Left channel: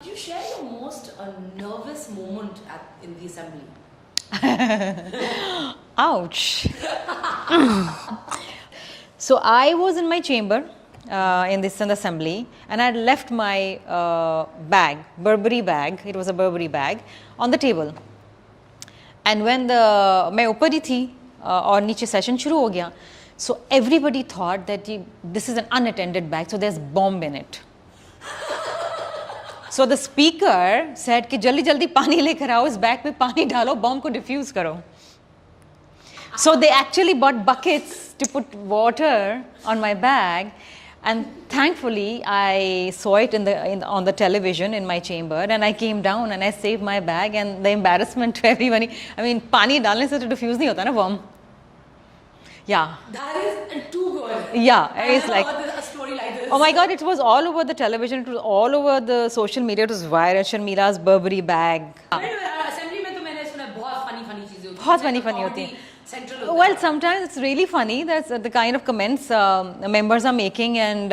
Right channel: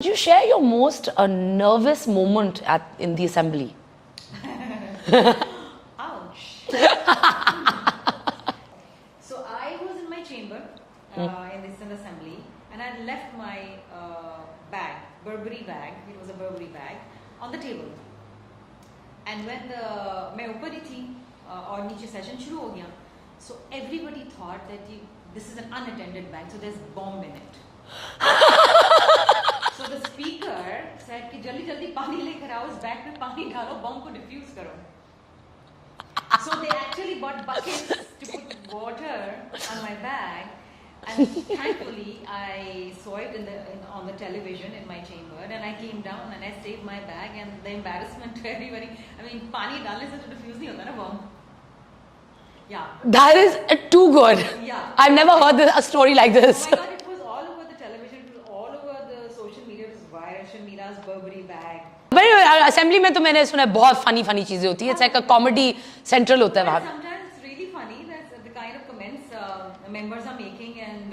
Could you share your most nervous moment in the assembly? Ouch. So I was in my chamber in this assembly, and I had left my bag, Burberry bag. It was a Burberry bag on the table. And when मैं ऊपर ही थी और नीचे session शुरू हो गया, so everybody thought that this is an unattended bag, so there's bomb in it. So the speaker said कि जल्दी जल्दी पानी लेकर आओ, इस बैग में पानी डालो, बॉम्ब को डिफ्यूज करो. So they actually bought buckets to put water on my bag, and thankfully I saw it on the television in my chamber, and I came down and I saved my bag. And the embarrassment to everybody, I mean, पानी डालने से तो diffuse नहीं होता ना bomb. Yeah. That is too good. Yeah. I've never heard a story like this. Oh my God, it was all over the television, it was all over the social media, it was viral. Sharmila's Burberry bag. But assembly में तो मैंने सुना है बहुत funny चीजें होती हैं. It's like a comedy central होता है. Well, sometimes it's really funny. That's the kind of comments members are making, and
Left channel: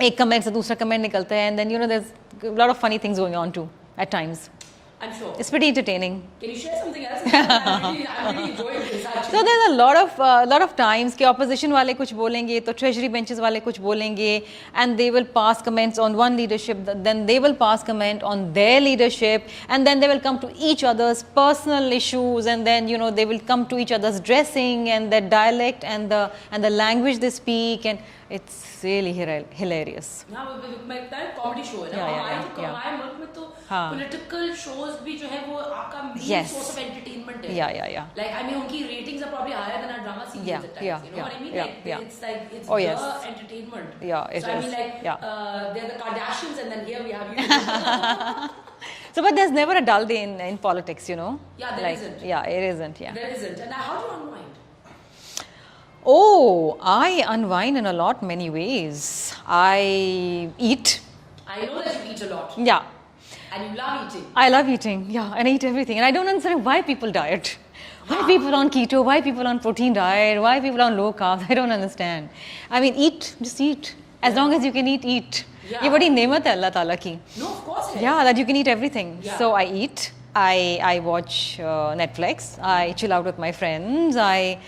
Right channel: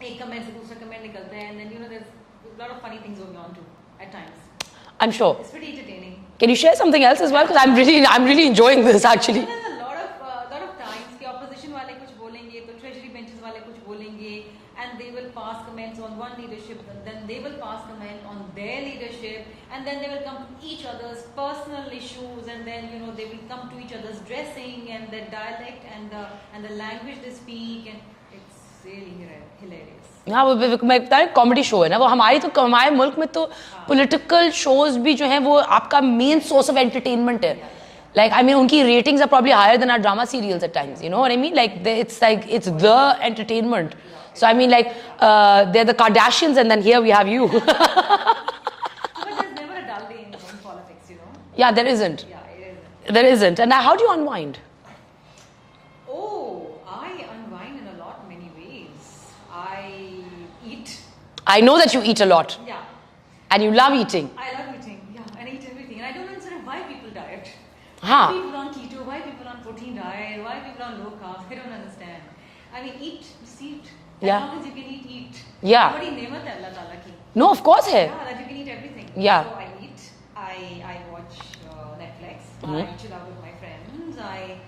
एक comment से दूसरा comment निकलता है, and then there's a lot of funny things going on too at times. I'm sure it's pretty entertaining. Can you share something else as well? I'm really enjoying this actually. No, there's a lot of times कि opposition वाले कुछ बोलेंगे, तो treasury benches वाले कुछ बोलेंगे, and they will pass comments on one leadership, then they will pass comment on their leadership, and then they will come to each other's personal issues, and then they will come to each other's dressing and their dialect and the language they speak, and it's really hilarious. हाँ, वो मैं बता रही comedy show है ना, वो हमारे मुल्क में तो पॉलिटिकल शोज भी जो हैं वो आपका मेन सोर्स ऑफ एंटरटेनमेंट है. Yeah. Like I mean, उनकी ratings are probably higher than our drama serials at times. You know what I mean? Like it's the entertainment. So I mean, like they're the Kardashians, and then here we have you. So, but there's never a dull day in politics, Yeah, there isn't. Yeah, it isn't. Yeah. There isn't. And how do you unwind? Oh, I unwind in many ways. I eat. I know that you eat a lot. Yeah. And you love eating. I love eating, yeah, and I eat everything. And I don't understand why people diet. Why people on keto, why people on protein diet, why people on low carb, I don't understand. I mean, just eat. As long as you can eat. Yeah. ये बड़ी नेमत है अल्लाह ताला की. No, of course है. Yeah, that you can eat everything. Yeah. So I eat, I watch Netflix, I chill out with my friends, I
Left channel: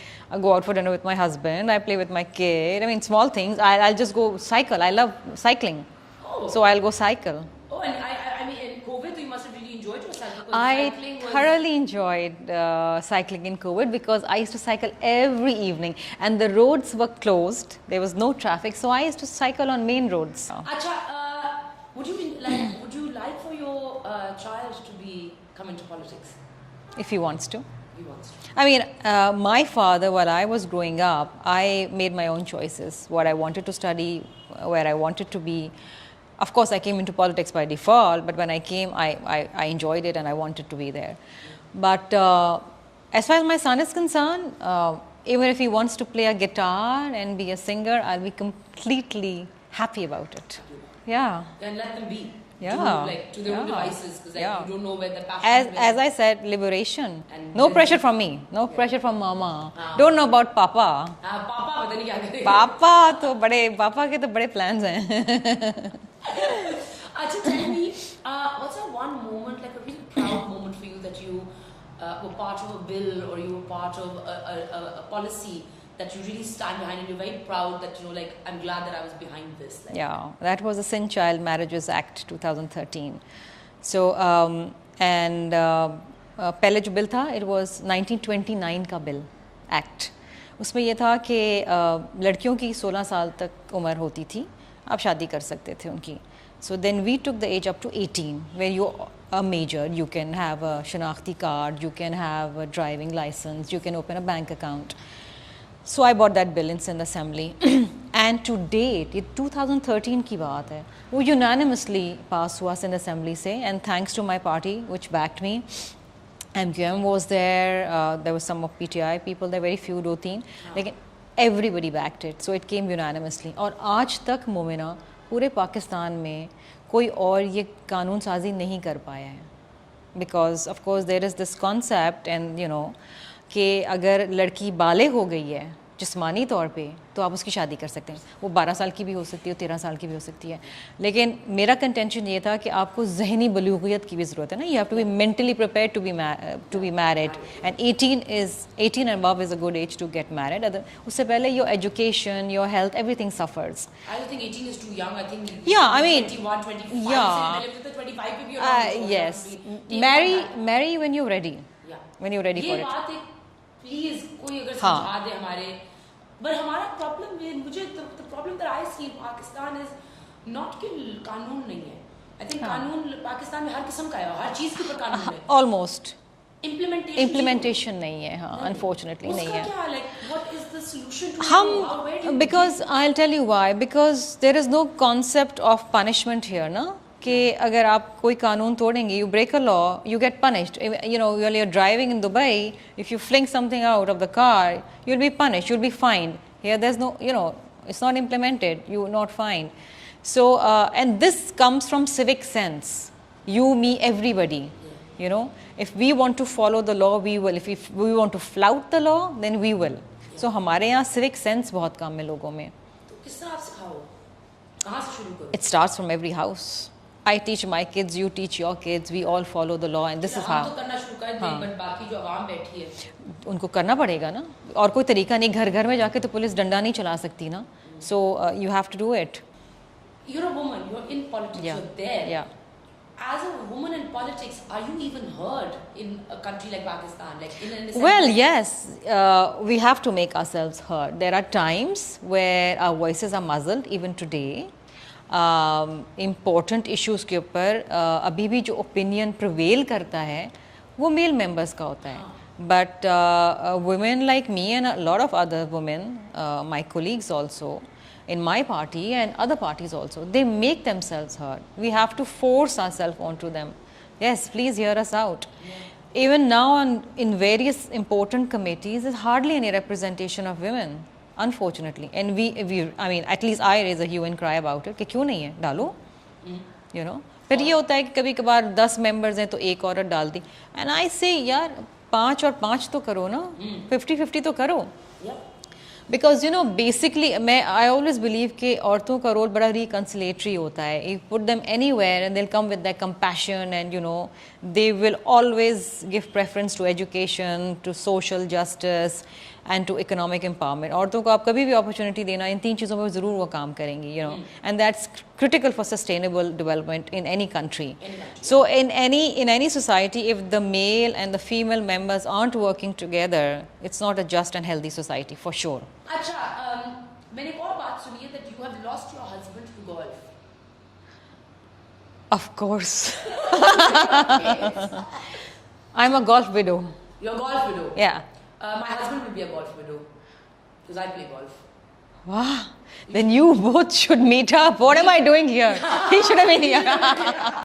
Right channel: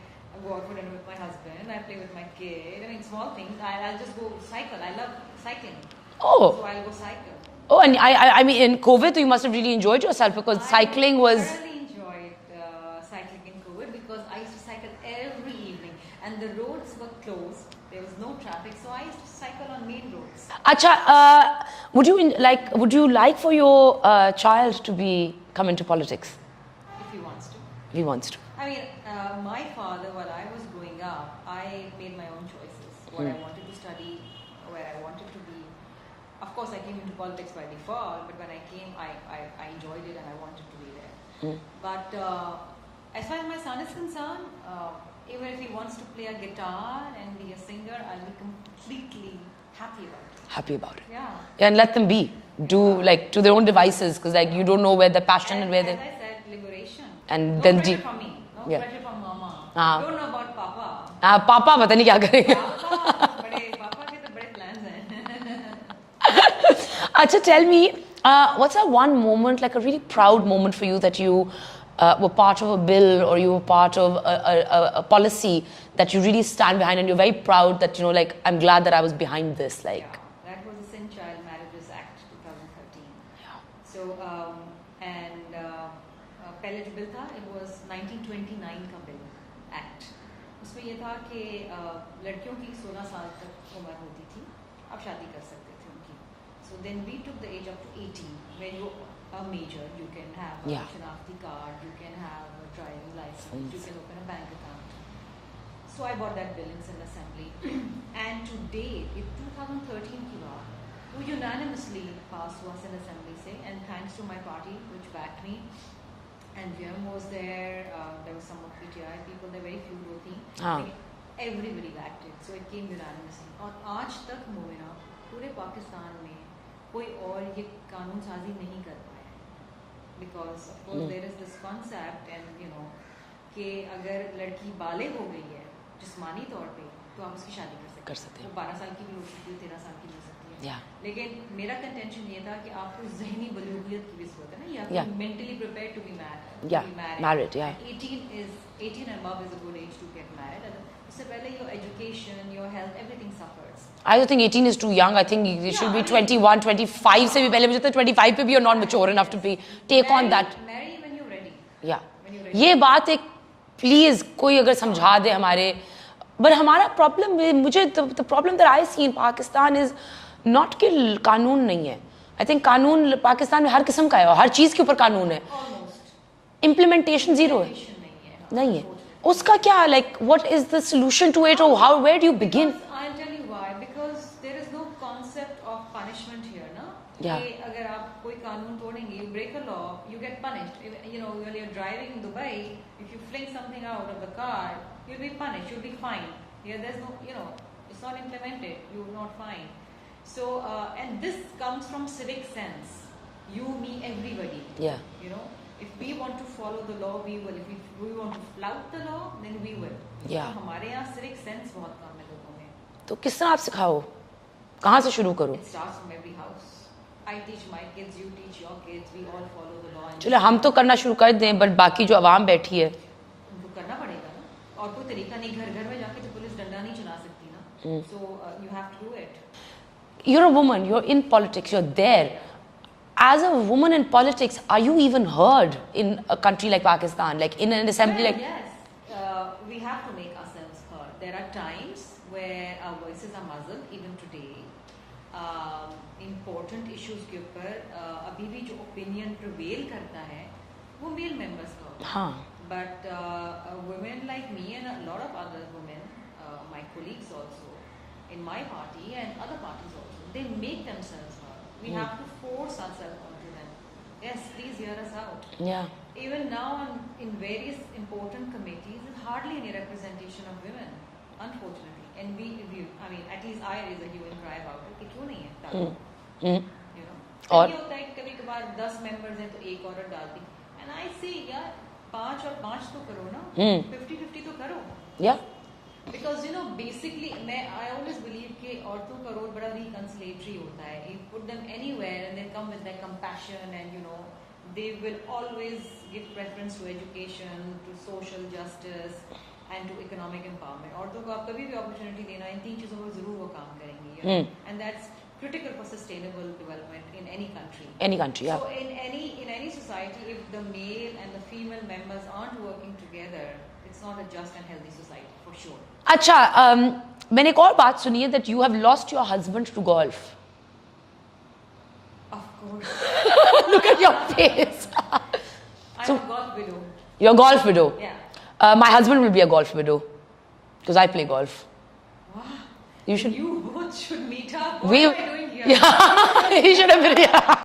go out for dinner with my husband, I play with my kid. I mean, small things. I'll just go cycle. I love cycling. Oh. So I'll go cycle. Oh, and I mean, in COVID, you must have really enjoyed yourself because cycling was... I thoroughly enjoyed cycling in COVID because I used to cycle every evening, and the roads were closed. There was no traffic, so I used to cycle on main roads. Acha, would you like for your child to come into politics? If he wants to. He wants to. I mean, my father, while I was growing up, I made my own choices. What I wanted to study, where I wanted to be. Of course, I came into politics by default, but when I came, I enjoyed it and I wanted to be there. But as far as my son is concerned, even if he wants to play a guitar and be a singer, I'll be completely happy about it. Happy about it. Yeah. And let them be. To their own devices, because you don't know where the passion is. As I said, liberation. And no pressure from me. No pressure from mama. Don't know about papa. Papa पता नहीं क्या करेगा. Papa के तो बड़े plans हैं. Acha, tell me, what's that one moment, like a really proud moment for you that you were part of a bill or you were part of a policy that you really stand behind and you're very proud that, like, I'm glad that I was behind this. Like. Yeah, that was the Sin Child Marriages Act 2013. So, पहले जो bill था, it was 1929 का bill, act. उसमें ये था कि लड़कियों की 16 साल तक उम्र होती थी, आप शादी कर सकते थे उनकी. So then we took the age up to 18, where you are major, you can have a shanakhti card, you can have a driving license, you can open a bank account. So I bought that bill in Sindh Assembly, and to date, ये 2013 की बात है, वो unanimously pass हुआ Sindh Assembly से, and thanks to my party which backed me. MQM was there, there was some of PTI people, there were very few, 2-3, लेकिन everybody backed it, so it came unanimously. और आज तक मोमिना पूरे पाकिस्तान में कोई और ये कानून साजी नहीं कर पाया है, because of course there is this concept, and कि अगर लड़की बालिग हो गई है जिस्मानी तौर पे, तो आप उसकी शादी कर सकते हैं। वो 12 साल की भी हो सकती है, 13 साल की भी हो सकती है। लेकिन मेरा कंटेंशन ये था कि आपको जहनी बलूगियत की भी ज़रूरत है ना, you have to be mentally prepared to be married, and 18 and above is a good age to get married. उससे पहले your education, your health, everything suffers. I don't think 18 is too young. I think you should be 21, 25 से भी पहले, मुझे तो 25 पे भी you're not mature enough to be take on that. Marry when you're ready. Yeah. When you're ready. ये बात एक प्लीज कोई अगर समझा दे हमारे, बट हमारा प्रॉब्लम, मुझे the problem that I see in Pakistan is not कि कानून नहीं है। आई थिंक कानून पाकिस्तान में हर किस्म का है और हर चीज के ऊपर कानून है, ऑलमोस्ट इम्प्लीमेंटेशन नहीं है। हाँ, unfortunately उसका क्या, like what is the solution to it, how where do you begin? Because I will tell you why, because there is no concept of punishment here ना, कि अगर आप कोई कानून तोड़ेंगे, you break a law, you get punished. You know, when you are driving in Dubai, if you fling something out of the car, you will be punished, you will be fined. Here there is no, you know, it's not implemented, you not fined. So and this comes from civic sense, you, me, everybody. You know, if we want to follow the law, we will. If we want to flout the law, then we will. So हमारे यहाँ civic sense बहुत कम है लोगों में। तो किस तरह आप सिखाओ, कहाँ से शुरू करो? It starts from every house. I teach my kids, you teach your kids. We all follow the law. And this हम तो करना शुरू कर दें, बट बाकी जो आवाम बैठी है उनको करना पड़ेगा ना, और कोई तरीका नहीं। घर घर में जाके तो पुलिस डंडा नहीं चला सकती ना। So you have to do it. You're a woman, you're in politics, you're there. As a woman in politics, are you even heard in a country like Pakistan? Like in an assembly? Well, yes, we have to make ourselves heard. There are times where our voices are muzzled, even today. Important issues के ऊपर अभी भी जो opinion prevail करता है, वो male members का होता है. But women like me and a lot of other women, my colleagues also, in my party and other parties also, they make themselves heard. We have to force ourselves onto them. Yes, please hear us out. Even now in various important committees, there's hardly any representation of women, unfortunately. And we I mean, at least I raise a hue and cry about it, कि क्यों नहीं है, डालो, you know. फिर ये होता है कि कभी कभार 10 members हैं तो एक औरत डाल दी. And I say, यार 5 और 5 तो करो ना, 50-50 तो करो. Because you know, basically, I always believe कि औरतों का रोल बड़ा reconciliatory होता है. You put them anywhere and they'll come with their compassion, and you know, they will always give preference to education, to social justice, and to economic empowerment. औरतों को आप कभी भी opportunity देना, इन 3 चीज़ों पर ज़रूर वो काम करेंगी, you know, and that's critical for sustainable development in any country. So in any society, if the male and the female members aren't working together, it's not a just and healthy society for sure. अच्छा, मैंने एक और बात सुनी है that you have lost your husband to golf. Of course. Look at your face. I'm a golf widow. You're a golf widow. Yeah. My husband will be a golf widow because I play golf. Wow. Then you both should meet up. What am I doing here? He should have been here.